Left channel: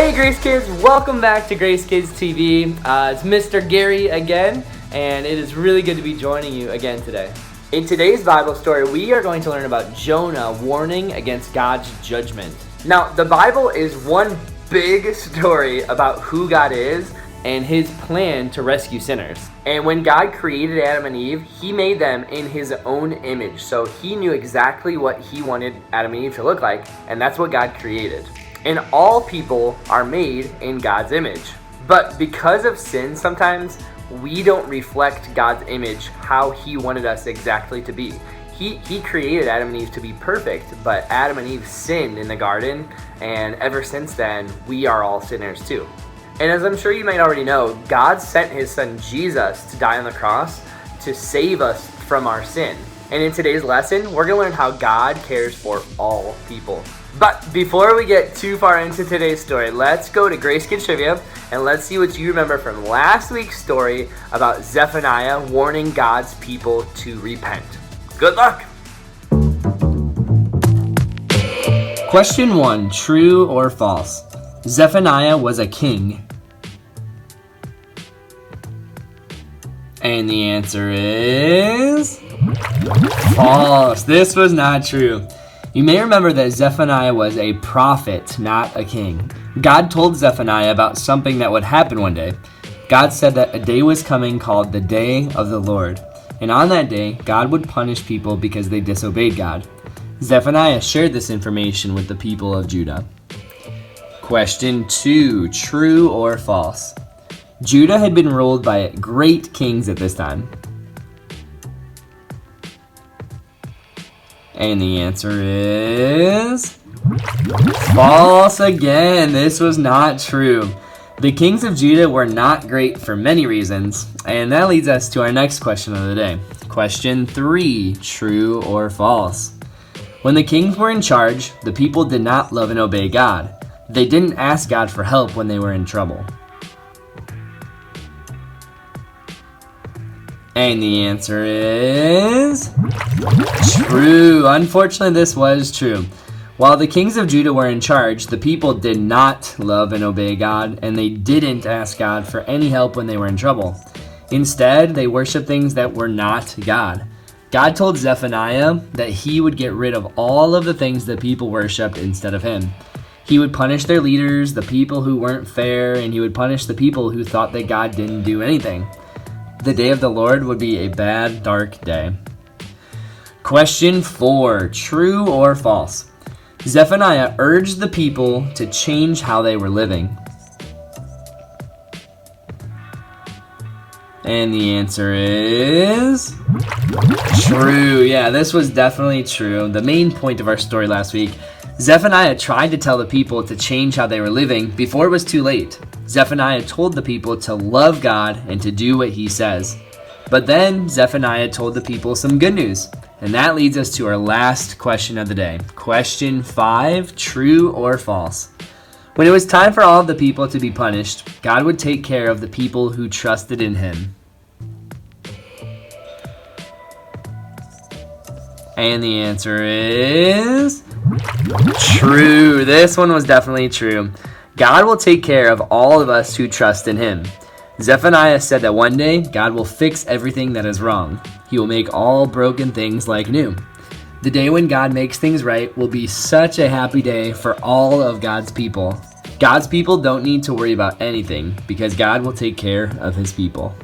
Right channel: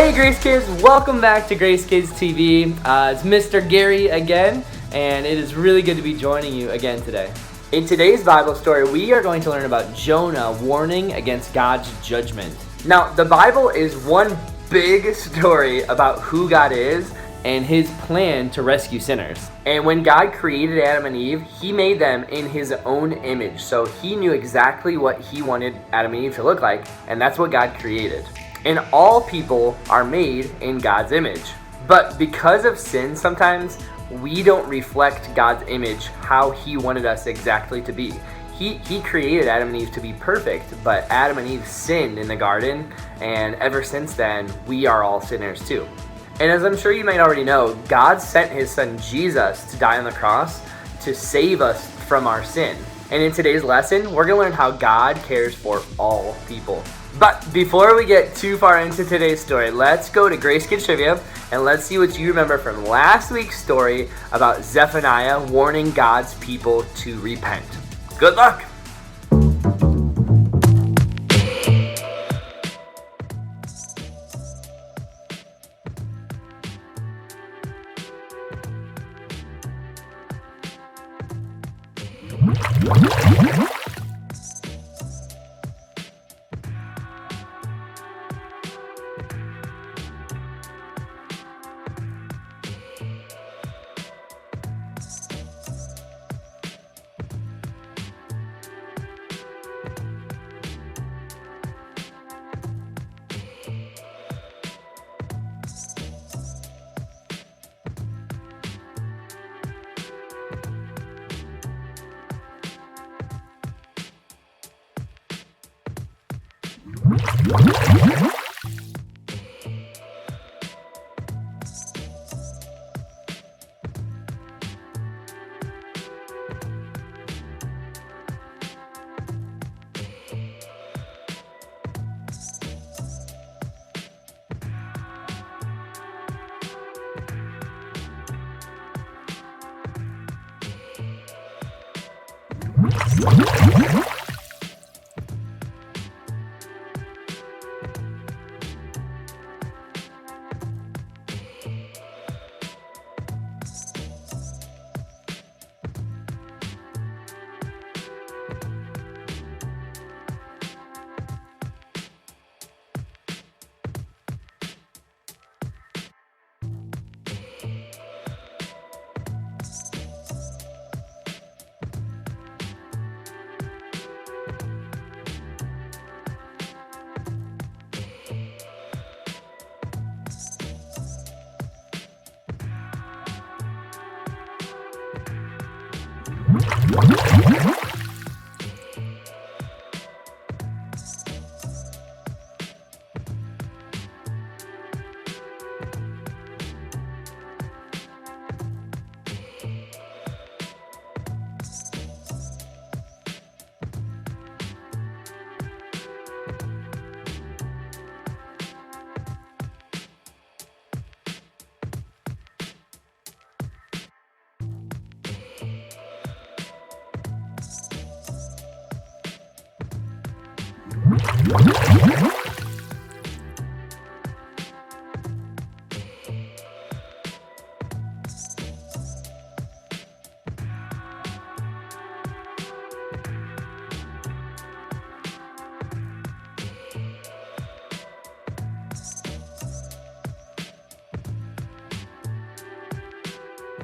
Hey Grace Kids, welcome back to Grace Kids TV. It's Mr. Gary again, and it is really good to be joining you again today. In today's Bible story, we are going to learn about Jonah warning against God's judgment. Now, the Bible is one big story about who God is and his plan to rescue sinners. And when God created Adam and Eve, he made them in his own image. So he knew exactly what he wanted Adam and Eve to look like, and that's what God created. And all people are made in God's image. But because of sin, sometimes we don't reflect God's image how he wanted us exactly to be. He created Adam and Eve to be perfect, but Adam and Eve sinned in the garden, and ever since then, we are all sinners too. And as I'm sure you might already know, God sent his son Jesus to die on the cross to save us from our sin. And in today's lesson, we're going to learn how God cares for all people. But before we get too far into today's story, let's go to Grace Kids Trivia and let's see what you remember from last week's story about Zephaniah warning God's people to repent. Good luck! Question 1, true or false? Zephaniah was a king. And the answer is false. This was not true. You may remember that Zephaniah was a prophet, not a king. God told Zephaniah about something that would happen one day. God said that a day was coming called the Day of the Lord. And on that day, God would punish people because they disobeyed God. Zephaniah shared this information with the people of Judah. Question 2, true or false? Judah had been ruled by great kings at this time. And the answer is false again. This was not true. The kings of Judah were not great for many reasons. And that leads us to our next question of the day. Question 3, true or false? When the kings were in charge, the people did not love and obey God. They didn't ask God for help when they were in trouble. And the answer is true. Unfortunately, this was true. While the kings of Judah were in charge, the people did not love and obey God, and they didn't ask God for any help when they were in trouble. Instead, they worshiped things that were not God. God told Zephaniah that he would get rid of all of the things that people worshiped instead of him. He would punish their leaders, the people who weren't fair, and he would punish the people who thought that God didn't do anything. The day of the Lord would be a bad, dark day. Question 4, true or false? Zephaniah urged the people to change how they were living. And the answer is true. Yeah, this was definitely true. The main point of our story last week, Zephaniah tried to tell the people to change how they were living before it was too late. Zephaniah told the people to love God and to do what he says. But then Zephaniah told the people some good news. And that leads us to our last question of the day. Question 5, true or false? When it was time for all of the people to be punished, God would take care of the people who trusted in him. And the answer is true. This one was definitely true. God will take care of all of us who trust in him. Zephaniah said that one day, God will fix everything that is wrong. He will make all broken things like new. The day when God makes things right will be such a happy day for all of God's people. God's people don't need to worry about anything because God will take care of his people.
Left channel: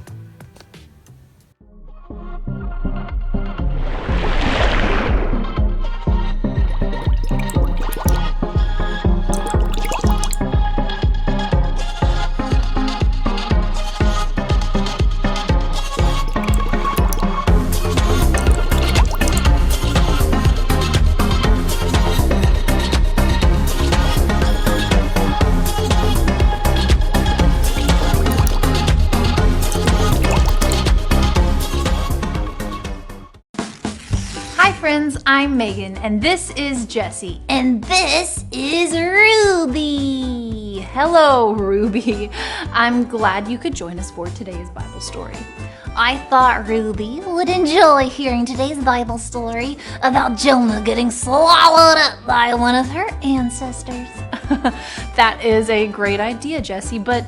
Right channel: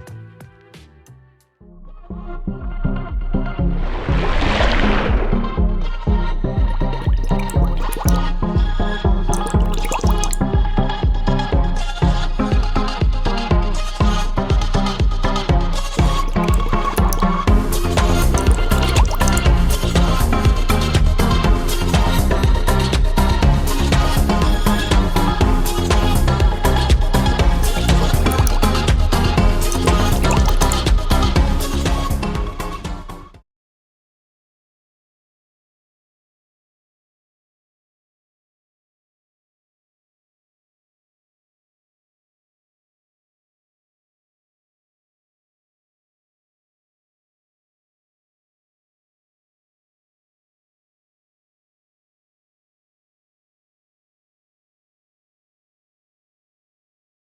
I'm Megan, and this is Jessie, and this is Ruby. Hello, Ruby. I'm glad you could join us for today's Bible story. I thought Ruby would enjoy hearing today's Bible story about Jonah getting swallowed up by one of her ancestors. That is a great idea, Jessie, but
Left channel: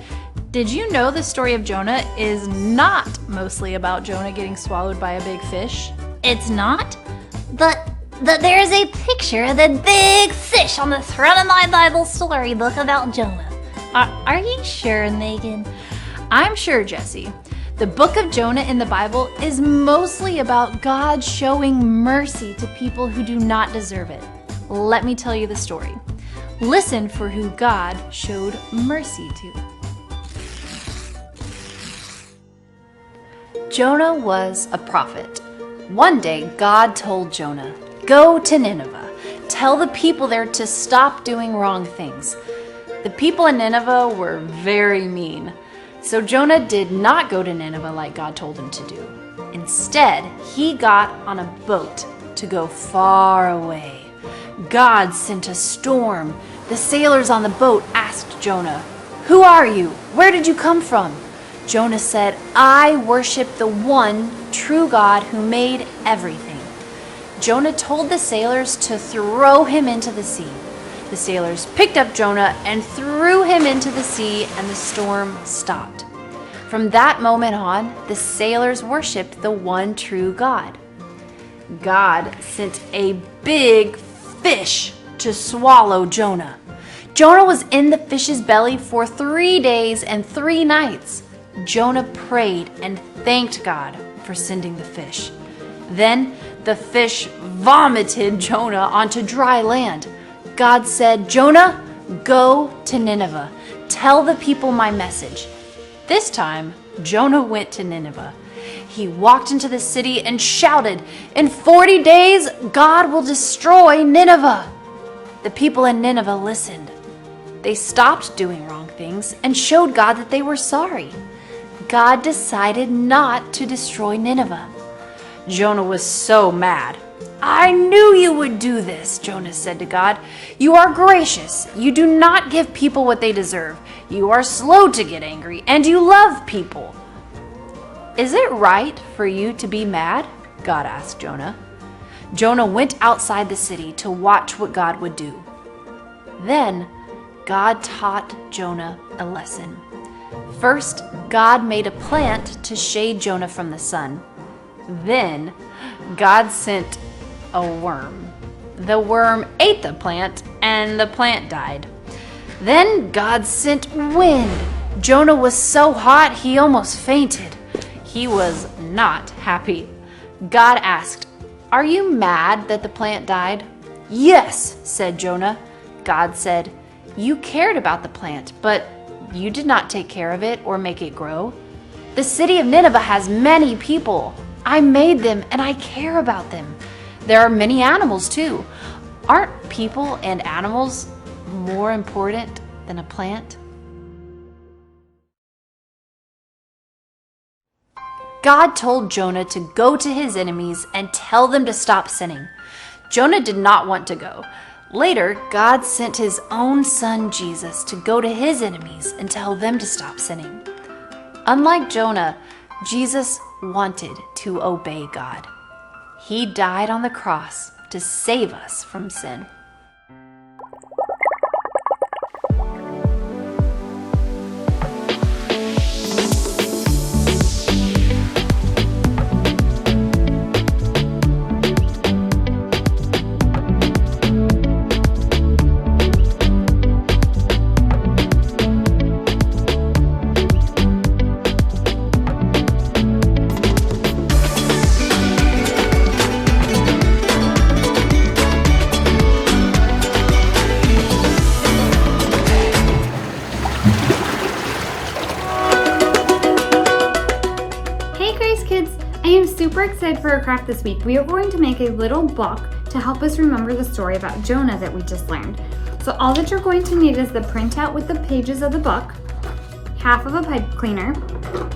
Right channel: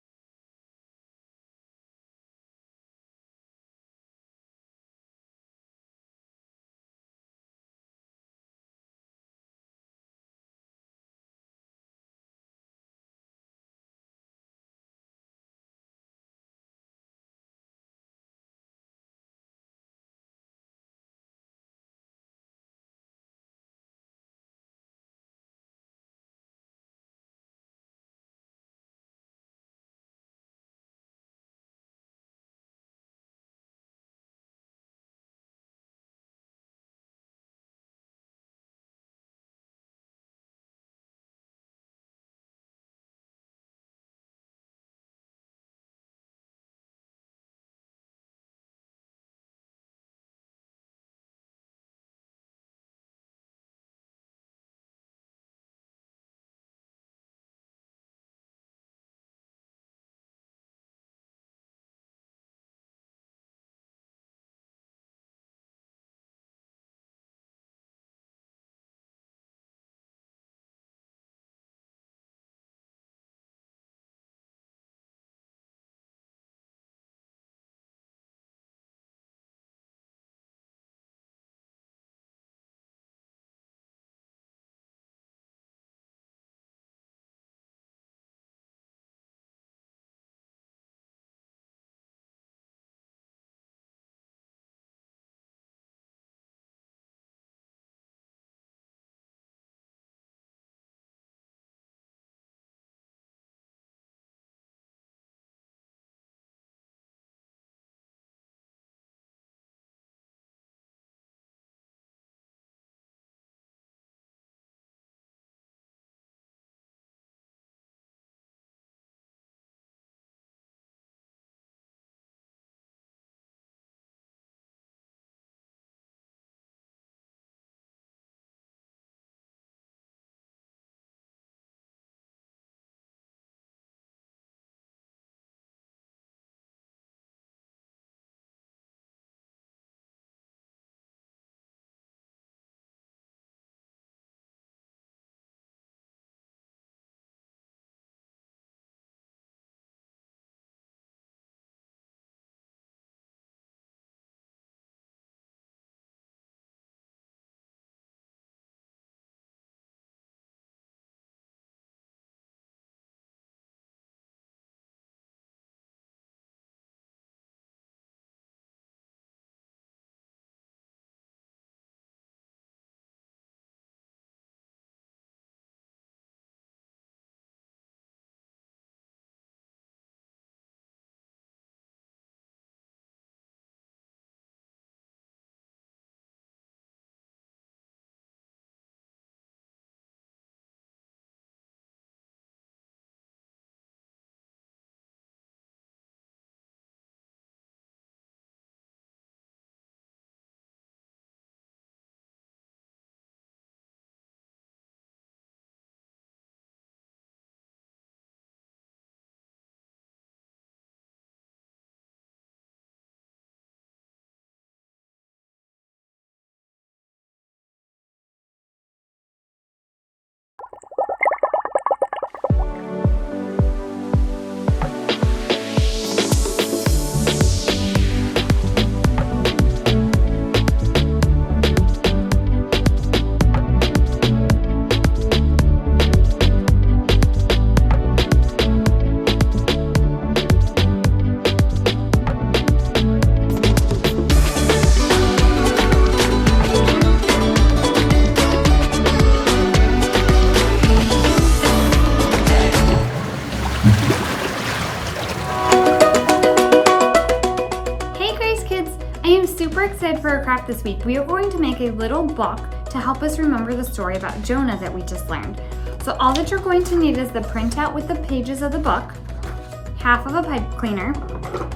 did you know the story of Jonah is not mostly about Jonah getting swallowed by a big fish? It's not? But there's a picture of the big fish on the front of my Bible story book about Jonah. Are you sure, Megan? I'm sure, Jessie. The book of Jonah in the Bible is mostly about God showing mercy to people who do not deserve it. Let me tell you the story. Listen for who God showed mercy to. Jonah was a prophet. One day, God told Jonah, "Go to Nineveh. Tell the people there to stop doing wrong things." The people in Nineveh were very mean. So Jonah did not go to Nineveh like God told him to do. Instead, he got on a boat to go far away. God sent a storm. The sailors on the boat asked Jonah, "Who are you? Where did you come from?" Jonah said, "I worship the one true God who made everything." Jonah told the sailors to throw him into the sea. The sailors picked up Jonah and threw him into the sea, and the storm stopped. From that moment on, the sailors worshiped the one true God. God sent a big fish to swallow Jonah. Jonah was in the fish's belly for 3 days and 3 nights. Jonah prayed and thanked God for sending the fish. Then the fish vomited Jonah onto dry land. God said, "Jonah, go to Nineveh. Tell the people my message." This time, Jonah went to Nineveh. He walked into the city and shouted, "In 40 days, God will destroy Nineveh." The people in Nineveh listened. They stopped doing wrong things and showed God that they were sorry. God decided not to destroy Nineveh. Jonah was so mad. "I knew you would do this," Jonah said to God. "You are gracious. You do not give people what they deserve. You are slow to get angry, and you love people." "Is it right for you to be mad?" God asked Jonah. Jonah went outside the city to watch what God would do. Then God taught Jonah a lesson. First, God made a plant to shade Jonah from the sun. Then God sent a worm. The worm ate the plant, and the plant died. Then God sent wind. Jonah was so hot he almost fainted. He was not happy. God asked, "Are you mad that the plant died?" "Yes," said Jonah. God said, "You cared about the plant, but you did not take care of it or make it grow. The city of Nineveh has many people. I made them and I care about them. There are many animals too. Aren't people and animals more important than a plant?" God told Jonah to go to his enemies and tell them to stop sinning. Jonah did not want to go. Later, God sent his own son Jesus to go to his enemies and tell them to stop sinning. Unlike Jonah, Jesus wanted to obey God. He died on the cross to save us from sin. Super excited for our craft this week. We are going to make a little book to help us remember the story about Jonah that we just learned. So all that you're going to need is the printout with the pages of the book, half of a pipe cleaner,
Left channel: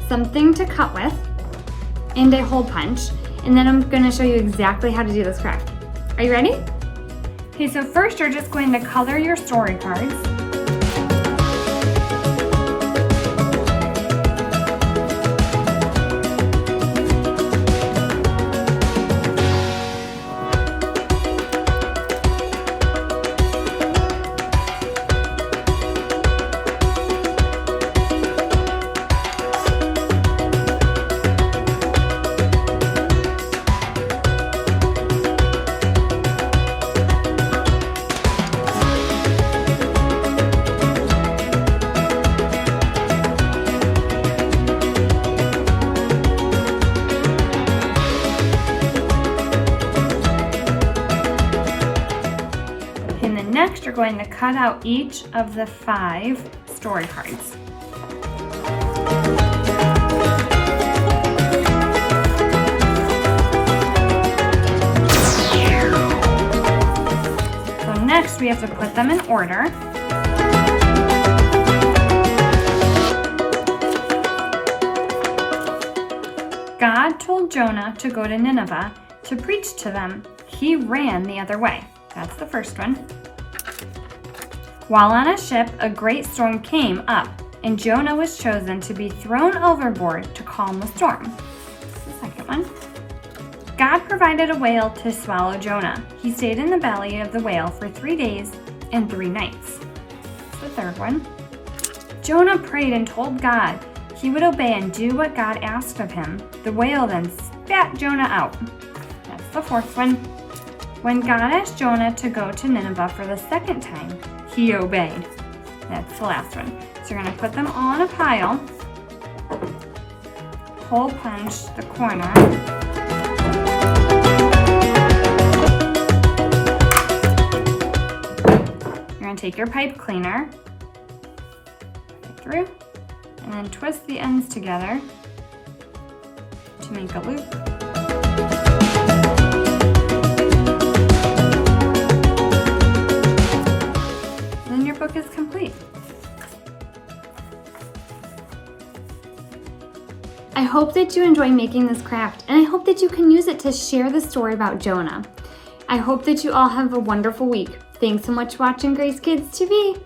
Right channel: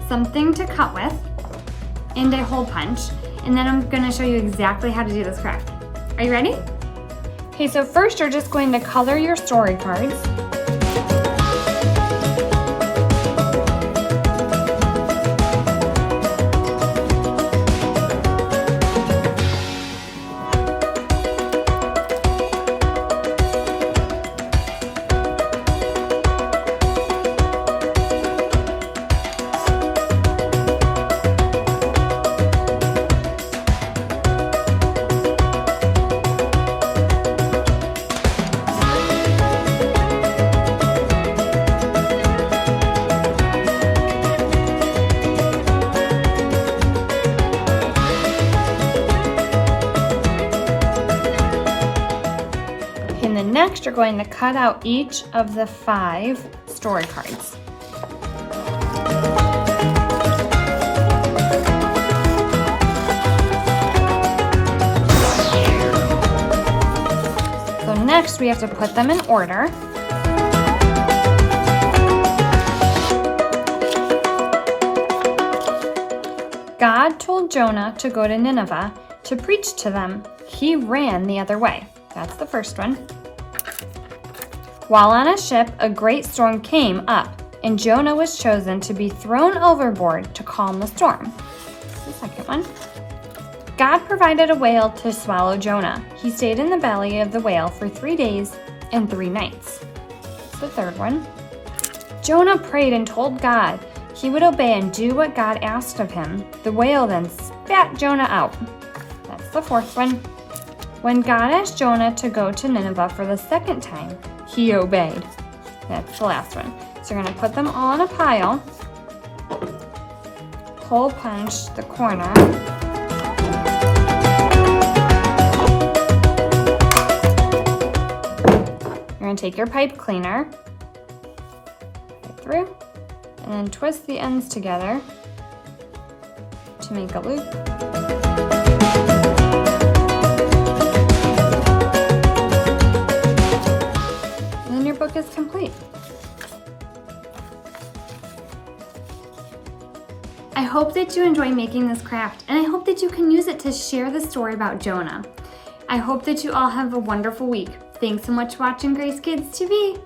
something to cut with, and a hole punch. And then I'm going to show you exactly how to do this craft. Are you ready? Okay, so first you're just going to color your story cards. Next, you're going to cut out each of the 5 story cards. So next, we have to put them in order. God told Jonah to go to Nineveh to preach to them. He ran the other way. That's the first one. While on a ship, a great storm came up, and Jonah was chosen to be thrown overboard to calm the storm. That's the second one. God provided a whale to swallow Jonah. He stayed in the belly of the whale for 3 days and 3 nights. That's the third one. Jonah prayed and told God he would obey and do what God asked of him. The whale then spat Jonah out. That's the fourth one. When God asked Jonah to go to Nineveh for the second time, he obeyed. That's the last one. So you're going to put them all in a pile. Hole punch the corner. You're going to take your pipe cleaner, put it through, and then twist the ends together to make a loop. And then your book is complete. I hope that you enjoy making this craft, and I hope that you can use it to share the story about Jonah. I hope that you all have a wonderful week. Thanks so much for watching Grace Kids TV.